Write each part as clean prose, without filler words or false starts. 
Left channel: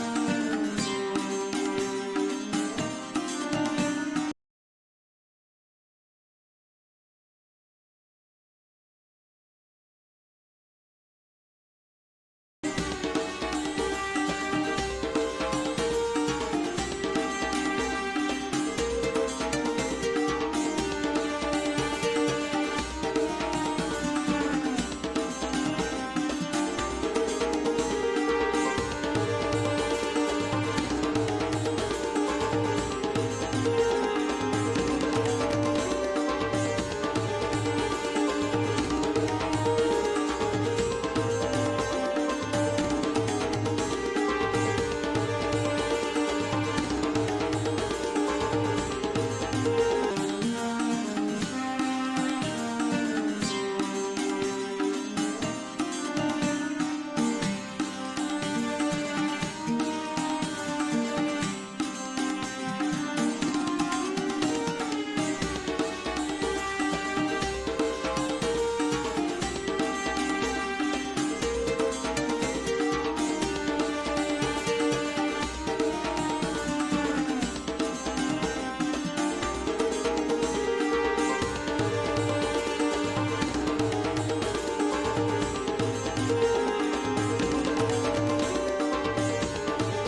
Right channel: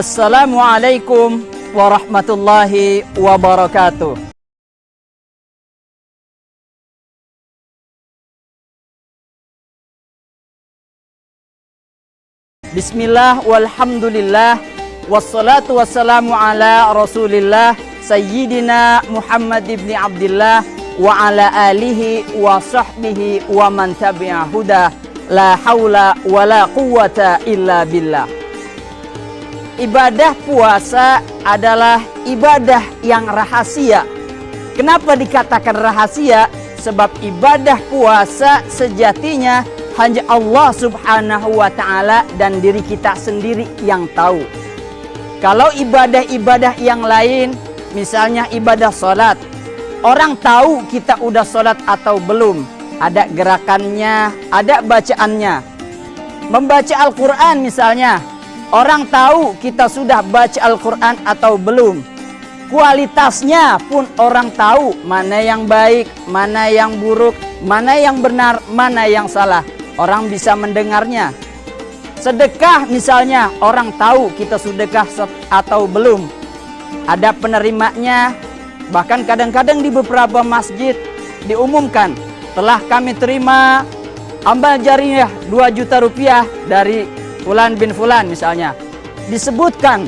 Assalamualaikum warahmatullahi wabarakatuh. Bismillah walhamdulillah wassalatu wassalamu ala rasulillah Sayyidina Muhammad ibn Abdillah wa ala alihi wa sahbihi wa man tabi'a huda. La haula wa la quwwata illa billah. Ibadah puasa adalah ibadah yang rahasia. Kenapa dikatakan rahasia? Sebab ibadah puasa sejatinya hanya Allah subhanahu wa ta'ala dan diri kita sendiri yang tahu. Kalau ibadah-ibadah yang lain, misalnya ibadah sholat, orang tahu kita udah sholat atau belum. Ada gerakannya, ada bacaannya. Membaca Al-Quran misalnya, orang tahu kita sudah baca Al-Quran atau belum. Kualitasnya pun orang tahu mana yang baik, mana yang buruk, mana yang benar, mana yang salah. Orang bisa mendengarnya. Sedekah misalnya, orang tahu kita sedekah atau belum. Ada penerimanya. Bahkan kadang-kadang di beberapa masjid diumumkan, telah kami terima amal jariah 2 juta rupiah dari Fulan bin Fulan misalnya. Disebutkan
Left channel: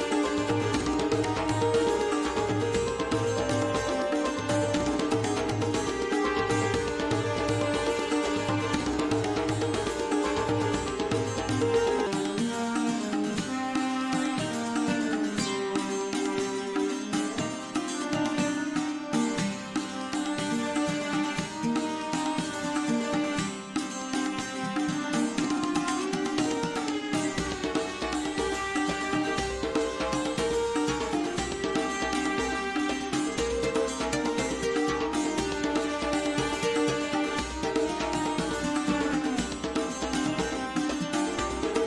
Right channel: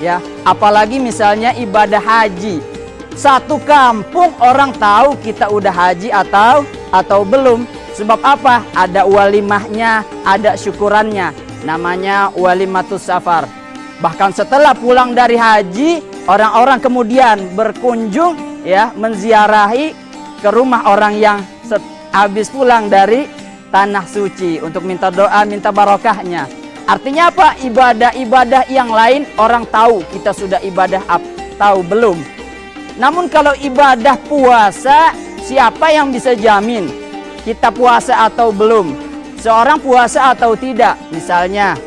ya, apalagi misalnya ibadah haji. Satu kampung orang tahu kita udah haji atau belum. Sebab apa? Ada walimahnya, ada syukurannya. Namanya walimatus safar. Bahkan setelah pulang dari haji, orang-orang kemudian berkunjung ya, menziarahi ke rumah orang yang habis pulang dari tanah suci untuk minta doa, minta barokahnya. Artinya apa? Ibadah-ibadah yang lain orang tahu kita sudah ibadah atau belum. Namun kalau ibadah puasa, siapa yang bisa jamin kita puasa atau belum? Seorang puasa atau tidak? Misalnya,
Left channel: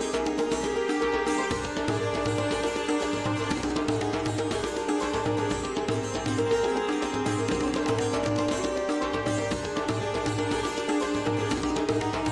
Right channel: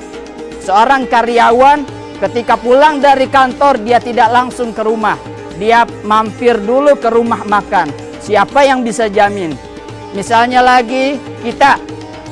seorang karyawan ketika pulang dari kantor dia tidak langsung ke rumah. Dia mampir dulu ke rumah makan. Siapa yang bisa jamin? Misalnya lagi kita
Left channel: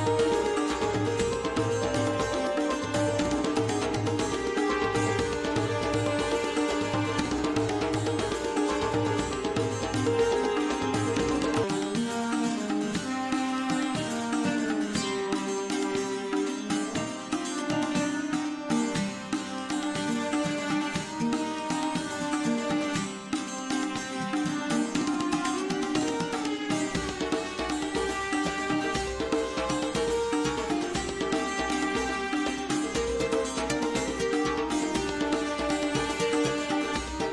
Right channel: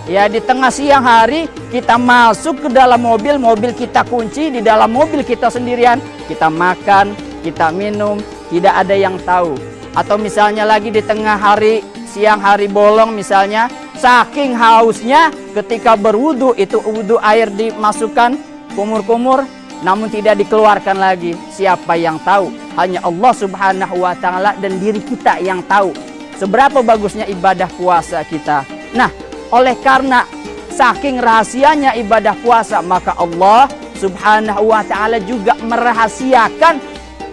ya di tengah siang hari kita masuk ke dalam mobil, mobil kita kunci, di dalam mobil kita sendirian, kita makan, kita minum, tidak ada yang tahu. Atau misalnya lagi di tengah hari, siang hari bolong misalnya, saking hausnya ketika berwudu, itu wudu air dimasukkan kumur-kumur, namun tidak dikeluarkan lagi. Siapa yang tahu? Hanya Allah subhanahu wa ta'ala dan diri kita yang tahu seberapa bagusnya ibadah puasa kita. Nah, oleh karena saking rahasianya ibadah puasa, maka Allah subhanahu wa ta'ala juga merahasiakan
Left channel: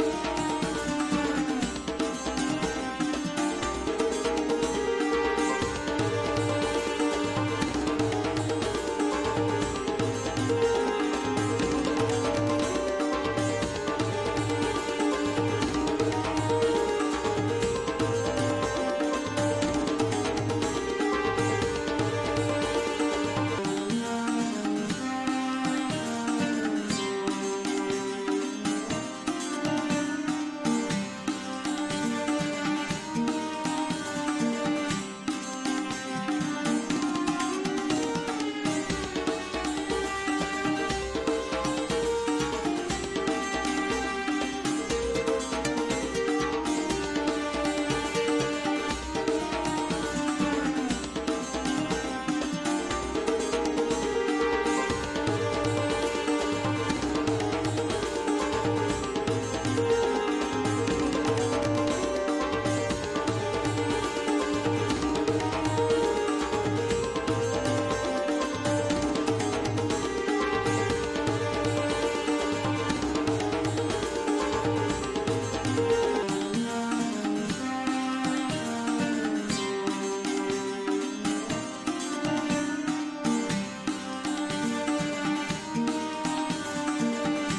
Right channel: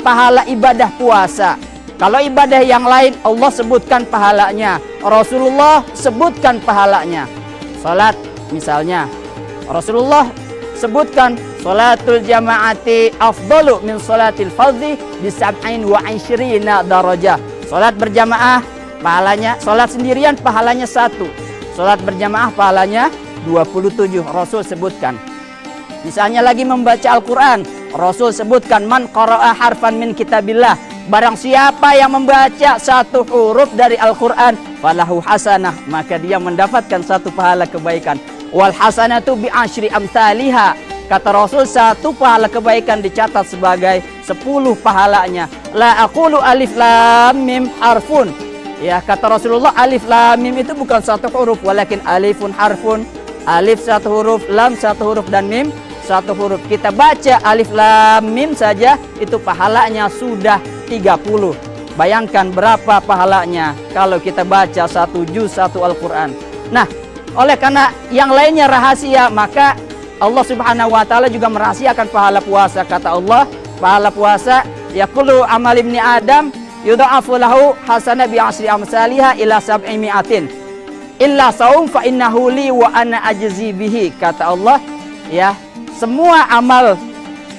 pahala ibadah puasa. Kalau ibadah yang lain Allah sebutkan pahalanya, Rasulullah sebutkan pahalanya. Salat misalnya, Rasulullah sebutkan salatul jama'ati afdalu min salatil fardhi bi 27 darajah. Salat berjamaah pahalanya, salat sendirian pahalanya 1. Salat berjamaah pahalanya 27. Rasul sebutkan. Misalnya lagi membaca Al-Quran, Rasul sebutkan man qara'a harfan min kitabillah. Barang siapa yang membaca 1 huruf dari Al-Quran, falahu hasanah, maka dia mendapatkan 1 pahala kebaikan. Wal hasanatu bi asyri amsalihha. Kata Rasul, 1 pahala kebaikan dicatat sebagai 10 pahalanya. La aqulu alif lam mim harfun. Ya, kata Rasulullah, alif lam mim itu bukan 1 huruf, walakin alifun harfun. Alif 1 huruf, lam 1 huruf, dan mim 1 huruf. Kita baca alif lam mim saja, itu pahalanya sudah 30. Bayangkan berapa pahalanya kalau kita baca 1 juz 1 Al-Quran. Nah, oleh karena yang lainnya rahasia, maka Allah subhanahu wa ta'ala juga merahasiakan pahala puasa. Kata Allah, pahala puasa, yaqulu amal ibni Adam yudha'afu lahu hasanah bi 10 amsalihha ila 700 illa saum fa innahu li wa ana ajzi bihi. Kata Allah, ya, semua amal,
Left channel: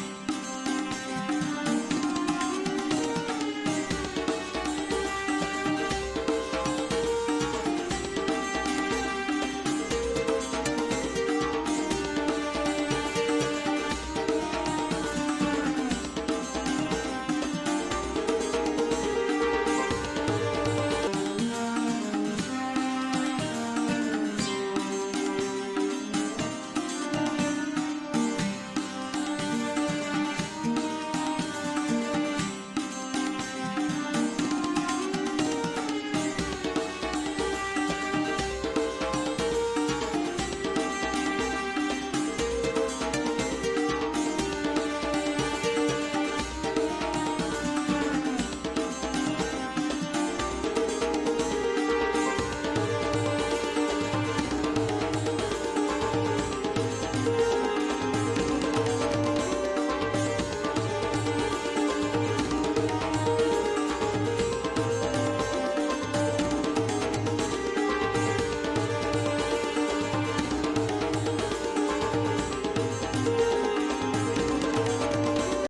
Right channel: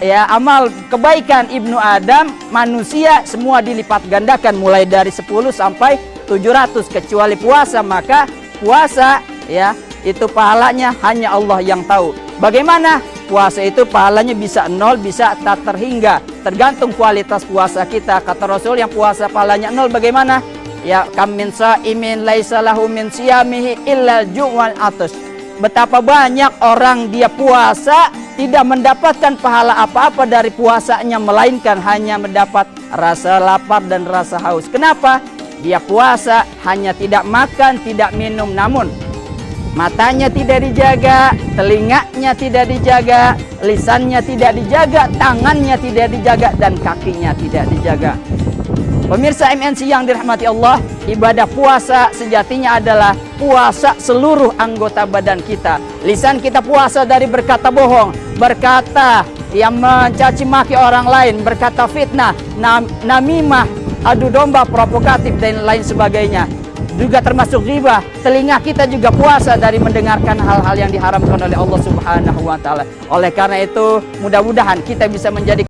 ya, amal kebaikan ibnu Adam, manusia, semua dilipat gandakan mulai dari 10 sampai 700 kecuali puasa. Maka puasa, ya, itu pahalanya hanya Allah yang tahu. Bagaimana? Puasa itu pahalanya bisa 0, bisa tak terhingga, tergantung kualitas puasa kita. Kata Rasul, yang puasa pahalanya 0 bagaimana? Ya, kam min sa'imin laisa lahu min siyamihi illa ju' wal atash. Betapa banyak orang dia puasa tidak mendapatkan pahala apa-apa dari puasanya, melainkan hanya mendapat rasa lapar dan rasa haus. Kenapa? Dia puasa hanya tidak makan, tidak minum, namun matanya tidak dijaga, telinganya tidak dijaga, lisannya tidak dijaga, tangannya tidak dijaga, dan kakinya tidak dijaga. Pemirsa MNC yang dirahmati Allah, ibadah puasa sejatinya adalah puasa seluruh anggota badan kita. Lisan kita puasa dari berkata bohong, berkata yang mencaci maki orang lain, berkata fitnah, namimah, adu domba, provokatif, dan lain sebagainya. Juga termasuk ghibah. Telinga kita juga puasa dari mendengarkan hal-hal yang diharamkan oleh Allah Subhanahu wa taala. Oleh karena itu, mudah-mudahan kita bisa menjadi